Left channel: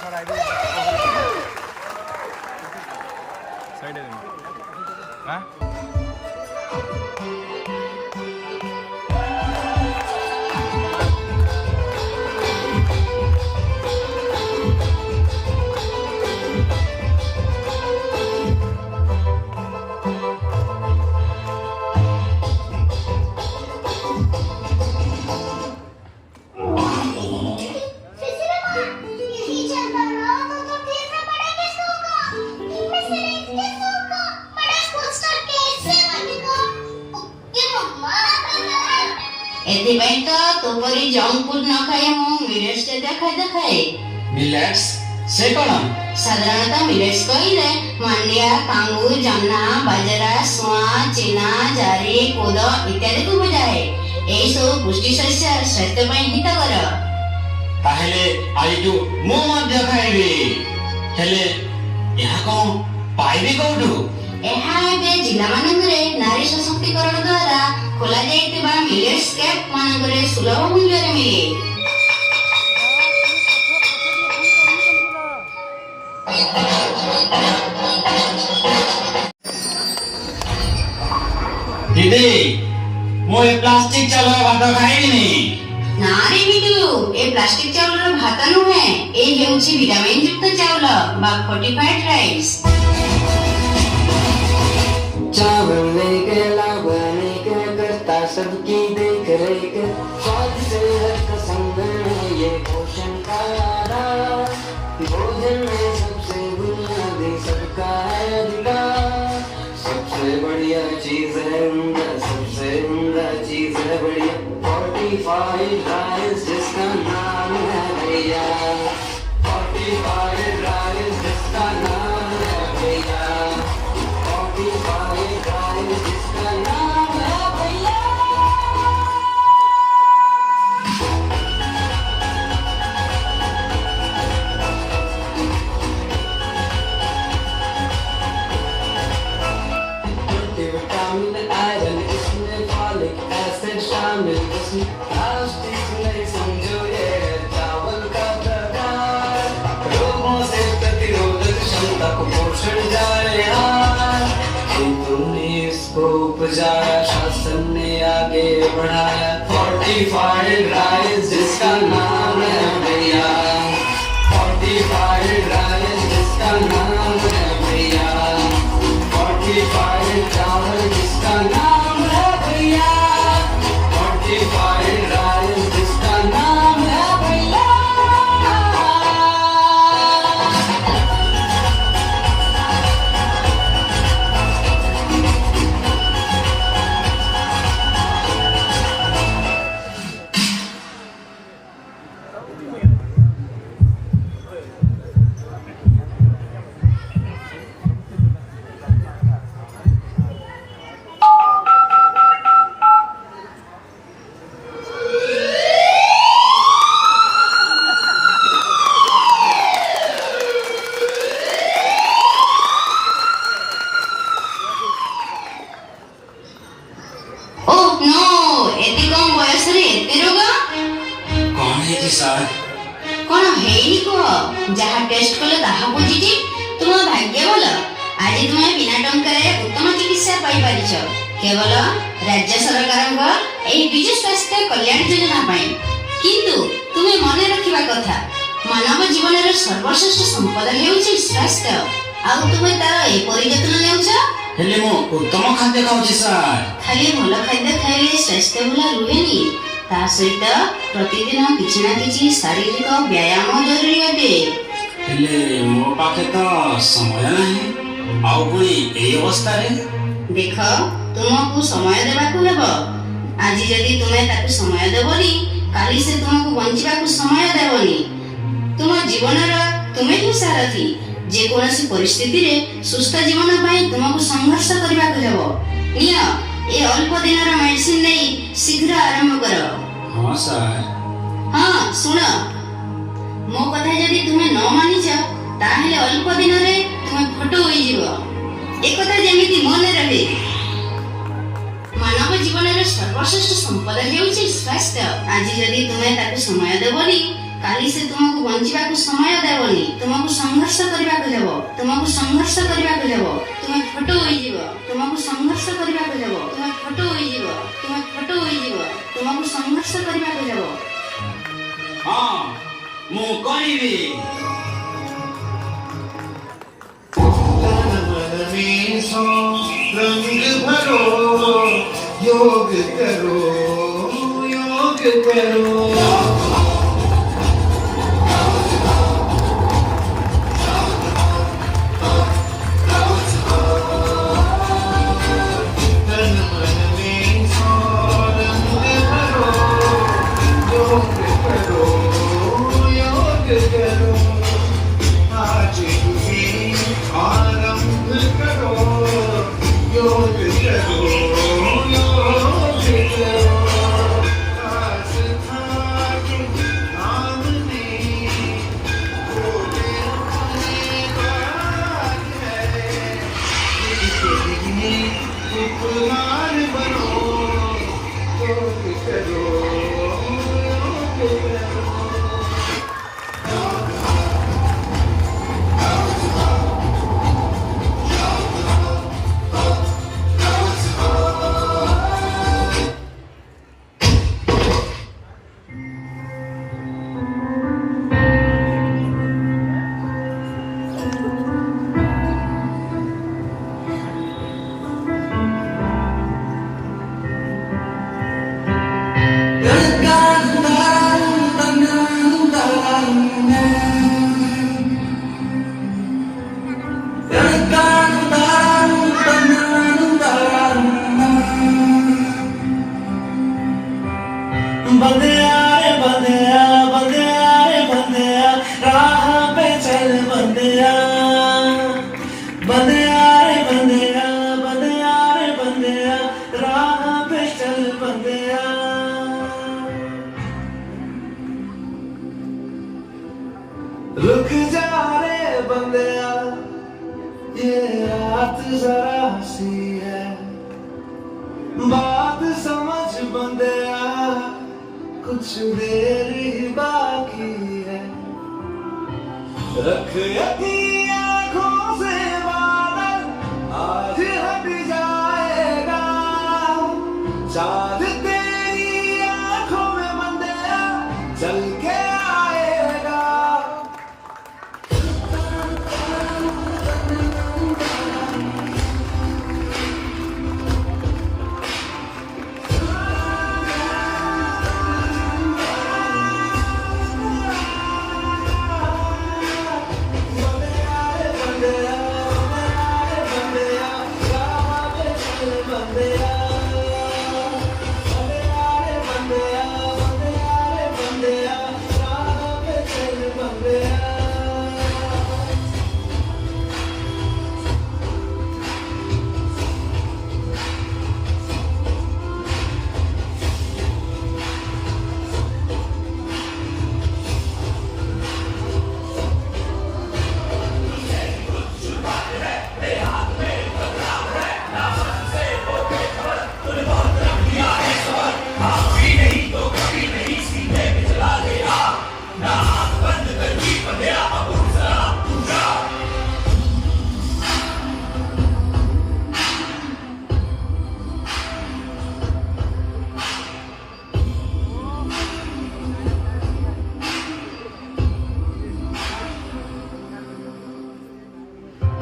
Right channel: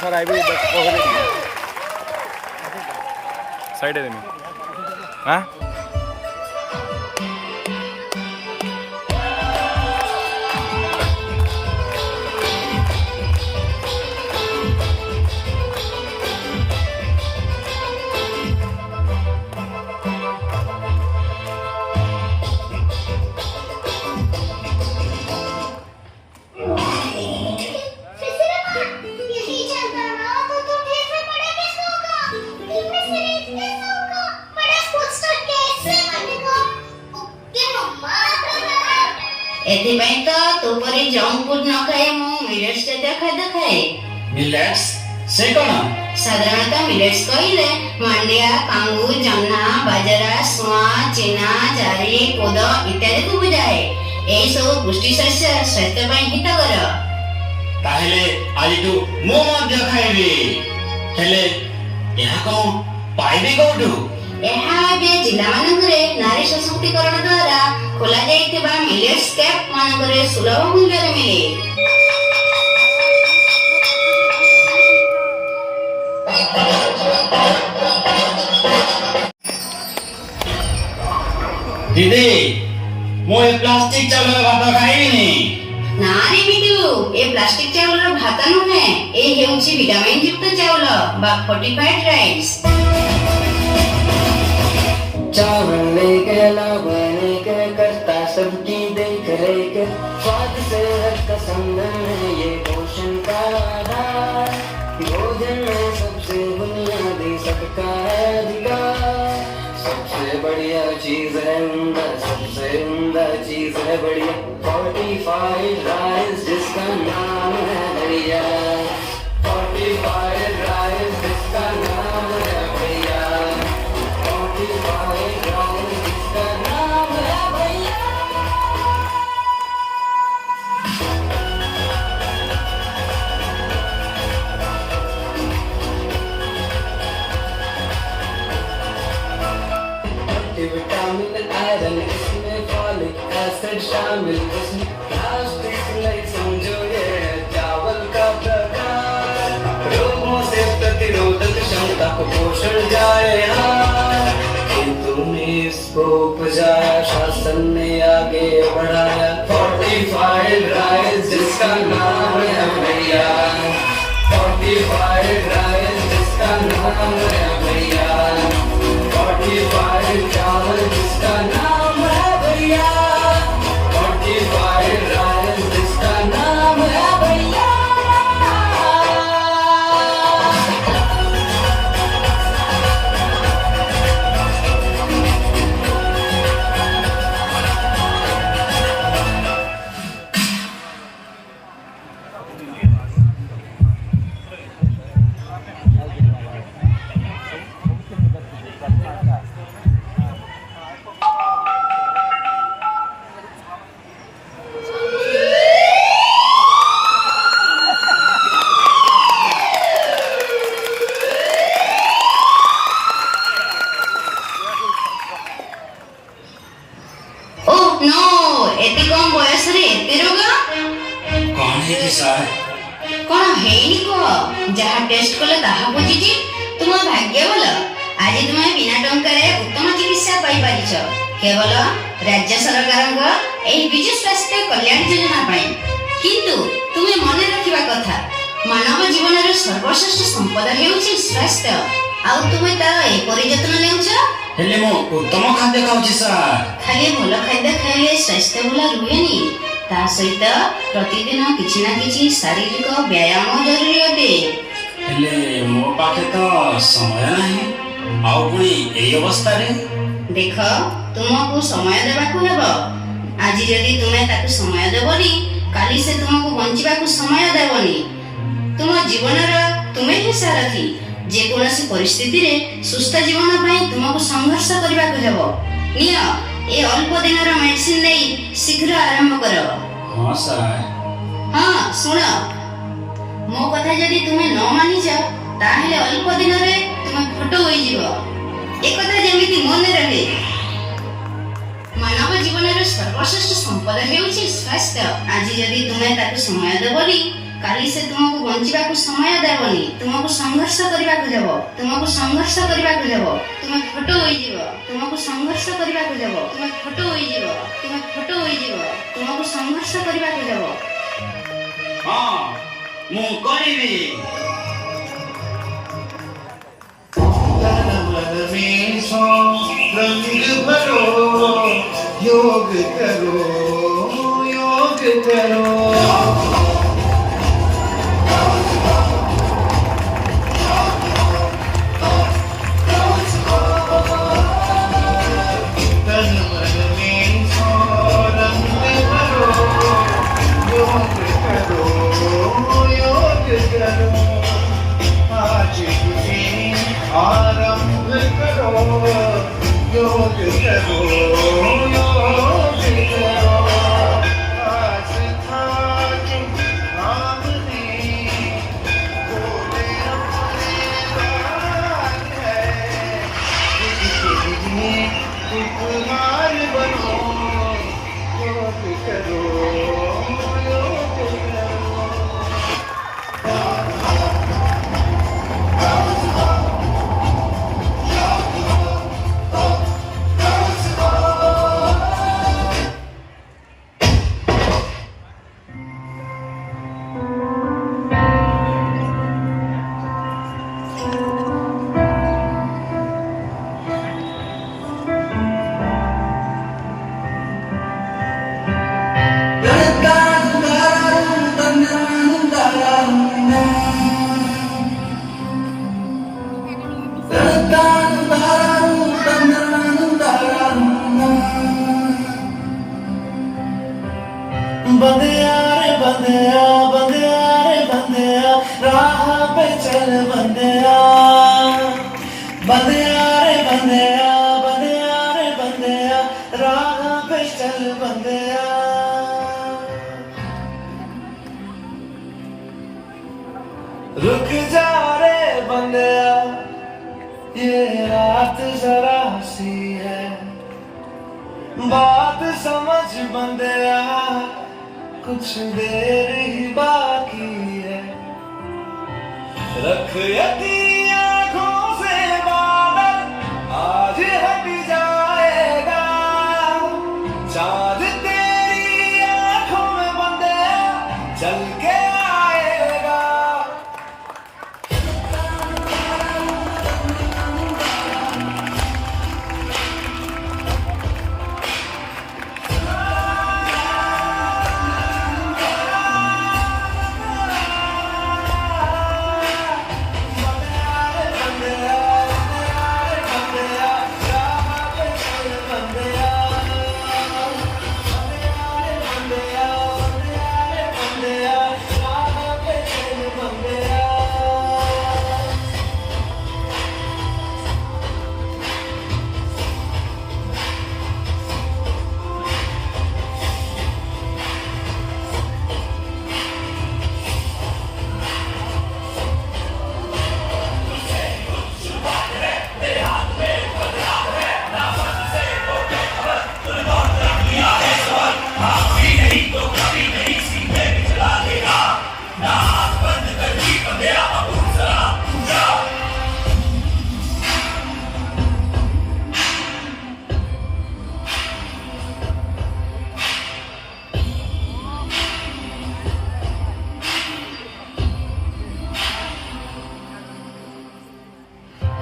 Sir I भी साइड है हाँ एथिପାଇଁ ତ ତୋ ପରି ଜଙ୍କ ଫୁଡ୍ ନ ଖାଇ ମୁଁ ମିଲେଟ୍ସ ଜାତୀୟ ଖାଦ୍ୟ ଖାଏ। ମିଲେଟ୍ସ ସେ କଣ? ସାଧାରଣତଃ ମିଲେଟ୍ସ କହିଲେ ମାଣ୍ଡିଆ, କାଙ୍ଗୁ, ଜହ୍ନା, ବାଜରା, ସୁଆଁ, ଚେନା, ଜାରି, କୋଦ ଇତ୍ୟାଦିକୁ ବୁଝାଏ। ଏହି ସବୁ ପୁଷ୍ଟି ଶସ୍ୟ ସ୍ୱାସ୍ଥ୍ୟ ପାଇଁ ହିତକର। ତାହେଲେ ଆଜିଠୁ ମୁଁ ମଧ୍ୟ ଖାଇବି। ହେଲେ ଏହା କଣ ପାଇବି କୋଉଠୁ? ଏହା ଏବେ ଜିଲ୍ଲାମାନଙ୍କରେ ନାରୀ ସଶକ୍ତିକରଣ ଦ୍ୱାରା ଖୋଲା ଯାଇଥିବା ମିଲେଟ୍ସ କ୍ୟାମ୍ପ ମାନଙ୍କରେ ସୁଲଭ ମୂଲ୍ୟରେ ମିଳେ। ଦିଦି ମୁଁ ଏ ପ୍ଲାଷ୍ଟିକ ଚାଉଳ ଭାତ ଖାଇବିନି। ନା ରେ ବିଟୁ, ଏ ପ୍ଲାଷ୍ଟିକ ଚାଉଳର ଭାତ ନୁହେଁ, ଏ ହେଉଛି ଭିଟାମିନ ଯୁକ୍ତ ଚାଉଳ ବା ଫର୍ଟିଫାଇଡ ରାଇସ୍। चावल लेकर लावा लेकर करता सबकी देख रेख स्वाद से रखता संगम है ये पोषण का आधार भोजन में सबसे बुनियादी सबका है अधिकार सबसे बढ़िया चीज है उम्दा सबसे उम्दा चीज है बढ़िया फोर्टिफाइड राइस जिसका नाम है बढ़िया फोर्टिफाइड राइस जिसका नाम है बढ़िया फोर्टिफाइड राइस जिसका नाम है बढ़िया। विटामिन आयरन इसमें फॉलिक एसिड शामिल इसमें प्लास्टिक नहीं समझो ये है चावल का प्रकार रोगों से प्रतिरोधक क्षमता को पोषण जाए हार तूने इसको उपजाया शासन ने आगे बढ़ाया फोर्टिफाइड राइस जिसका नाम है भैया फोर्टिफाइड राइस जिसका नाम है भैया फोर्टिफाइड चावल जिसका नाम है भैया फोर्टिफाइड राइस जिसका नाम है भैया। ओह नो, ଏତେ କମ ବୟସରେ ଏତେ ରୋଗ? କଣ ହେଇଛି ସାର୍? କଣ ହେଇନି କୁହ, ଯାହା ଟେଷ୍ଟ କଲେ ତାହା ବୁଝିଛି। ତୁମ ଭାଗ୍ୟ ଭଲ, ଆଜି ତୁମେ ବିନା ଟଙ୍କାରେ ଉତ୍ତମ ଚିକିତ୍ସା ପାଇପାରିଛ କେବଳ ରାଜ୍ୟ ସରକାରଙ୍କ ଏହି ବିଜୁ ସ୍ୱାସ୍ଥ୍ୟ କଲ୍ୟାଣ ଯୋଜନା ପାଇଁ। କିନ୍ତୁ ତୁମେ ମନେ ରଖିବା କଥା, ମାନବ ଜୀବନର ସର୍ବଶ୍ରେଷ୍ଠ ସମ୍ପଦ ହେଉଛି ସ୍ୱାସ୍ଥ୍ୟ। ଆଉ ତୁମେ ତାର ଏପରି ଯତ୍ନ ନେଉଛ। ହେଲେ ମୁଁ ଉତ୍ତମ ଖାଦ୍ୟ ଖାଉଛି ସାର୍। ଖାଲି ଭଲ ଖାଦ୍ୟ ଖାଇଲେ ସ୍ୱାସ୍ଥ୍ୟ ଭଲ ରୁହେନି, ତା ସହିତ ପ୍ରତିଦିନ କିଛି ନା କିଛି ଶାରୀରିକ ବ୍ୟାୟାମ ଜରୁରୀ ଅଟେ। ହେଲେ ମୋ ପାଖେ ତ ସମୟ ନାହିଁ, ଆଉ ପୁଣି ଏଇ ଅବସ୍ଥାରେ। ଦେଖ, ତୁମକୁ ସମୟ ଦେବାକୁ ହେବ। ଆଜି ଯଦି ତୁମେ ତାକୁ ସମୟ ଦେବନି, କାଲି ସେ ତୁମକୁ ବଞ୍ଚିବାକୁ ସମୟ ଦେବନି। ତୁମ ଜୀବନର ତୁମେ ହିଁ ସାରଥୀ। ଯେକୌଣସି ପରିସ୍ଥିତିରେ ସୁସ୍ଥ ଜୀବନ ପାଇଁ ତୁମକୁ ସଂଘର୍ଷ କରିବାକୁ ହେବ। ନିଅ, ଏ ଅଳ୍ପ ଦିନର ମେଡିସିନ ନେଇ ଶୀଘ୍ର ଆରମ୍ଭ କର। ହଁ ସାର୍। ହଁ ଶୁଣ, ମୋ କଥା ଯଦି ତୁମେ ନ ମାନିଛ, ତାହେଲେ ଅଳ୍ପ ଦିନରେ ତୁମେ ଫଟୋ ହୋଇଯିବ। ଏକଥା ଯେମିତି ମନେ ରହେ, ମାନବ ଜୀବନର ସର୍ବଶ୍ରେଷ୍ଠ ସମ୍ପଦ ହେଉଛି ସ୍ୱାସ୍ଥ୍ୟ। ଆଜି ଯଦି ତୁମେ ତାକୁ ସମୟ ଦେବନି, କାଲି ସେ ତୁମକୁ ବଞ୍ଚିବାକୁ ସମୟ ଦେବନି, ତୁମକୁ ସଂଘର୍ଷ କରିବାକୁ ଦେବ, ତୁମକୁ ସଂଘର୍ଷ କରିବାକୁ ଦେବ, ତୁମେ ଫଟ ହୋଇଯିବ, ତୁମକୁ ସଂଘର୍ଷ କରିବାକୁ ଦେବ, ତୁମେ ଫଟ ହୋଇଯିବ, ତୁମେ ଫଟ ହୋଇଯିବ, ତୁମକୁ ସଂଘର୍ଷ କରିବାକୁ ଦେବ। ହଁ ମୁଁ କରିବି। योग करो योग करो रुक जा रे बंदया, ये रात जरा सी है, बात समझ बंदया, कुछ देर ही बाकी है, रख यदि आँखों से बादल आज हट जाएगा, चाँद तेरी आँखों में बंदया चल के आएगा।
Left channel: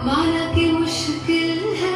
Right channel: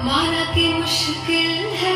माना कि मुश्किल है